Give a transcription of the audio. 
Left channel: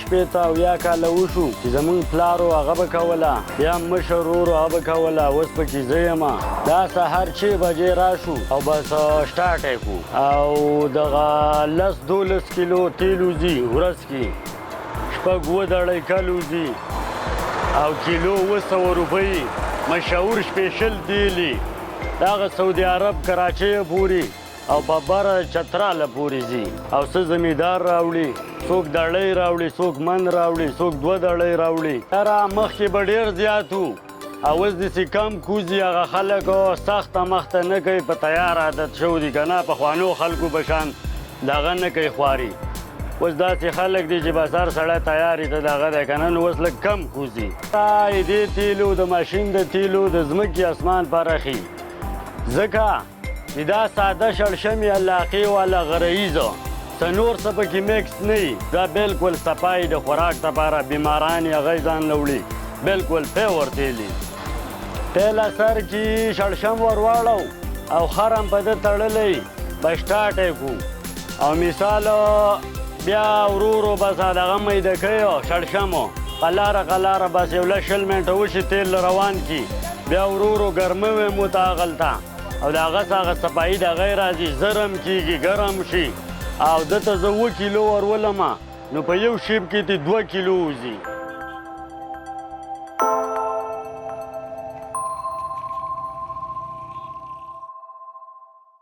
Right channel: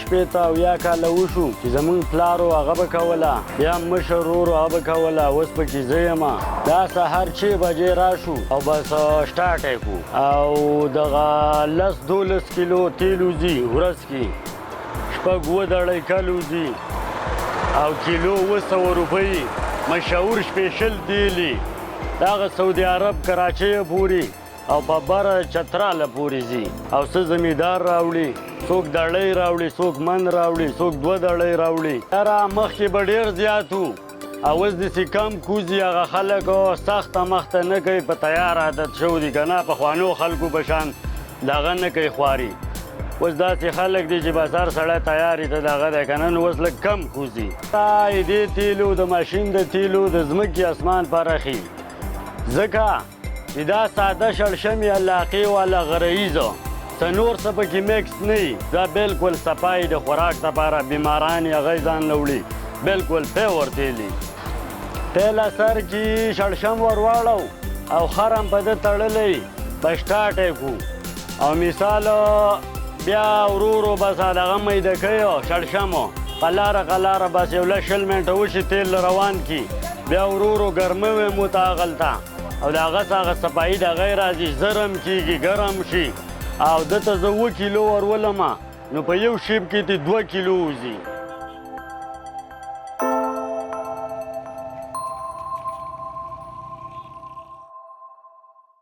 شپېته اویا کاله وشو چې زمونږ پلار و هغه به کوله بیا مشر ورور هغه به کوله اوس پکې زه یم دا سهار 6 بجې راشو او بس سټارټ یې کړو او دغه 10-12 کیلو تیل وځي ورځ کې 6 دړۍ کل وځي او کیلو 200 روپۍ مشهور سپیشل تیلي دغه سعودي عرب کراچۍ پورې او په بره چتراله پورې ځي او څه زمیندار راوړي څوک دړۍ راوړي څوک من راوړي څوک 2 دړۍ راوړي یاره مخکې به ډېر زیات وو او اوس داسې کم کوزي هغه خلک سخته مخته نه کوي په تیار عادت شوي دي که نه پخوانو خلکو په شان دغه نه کوي خواري اوس داسې خلک دي چې بس هر سړی تیارې ته دغه دی که نه نو اوس لږ کم کوزي دې تیلو د ماشین د تیلو د ځمکې اسمان فرق وي ځکه چې دا ساده شړشمې علاقې والا غرهیزه څه نور څه پکې میکس نه وي دا بالکل صفایي د خوراک لپاره بیماران یې هغه ځان له وړي بالکل پیور تیل وي تیل سر کې شړشم ور واړو او خرم په ده تړلی په سټارټ یې کړو او مثال بیا ورو ورو بس دغه میده کوي شړشمو قلاره قلاره بس یو 20 منټه وشي تیل روان کي بیا ورو ورو ګرموي مو ته هغلته او د هغه څه هغه صفایي دغه یې راځي زرم کېږي ګرم شي او دته زه 2 کیلو ورولمه نو په یو شیب کې دې 2 کیلو وځي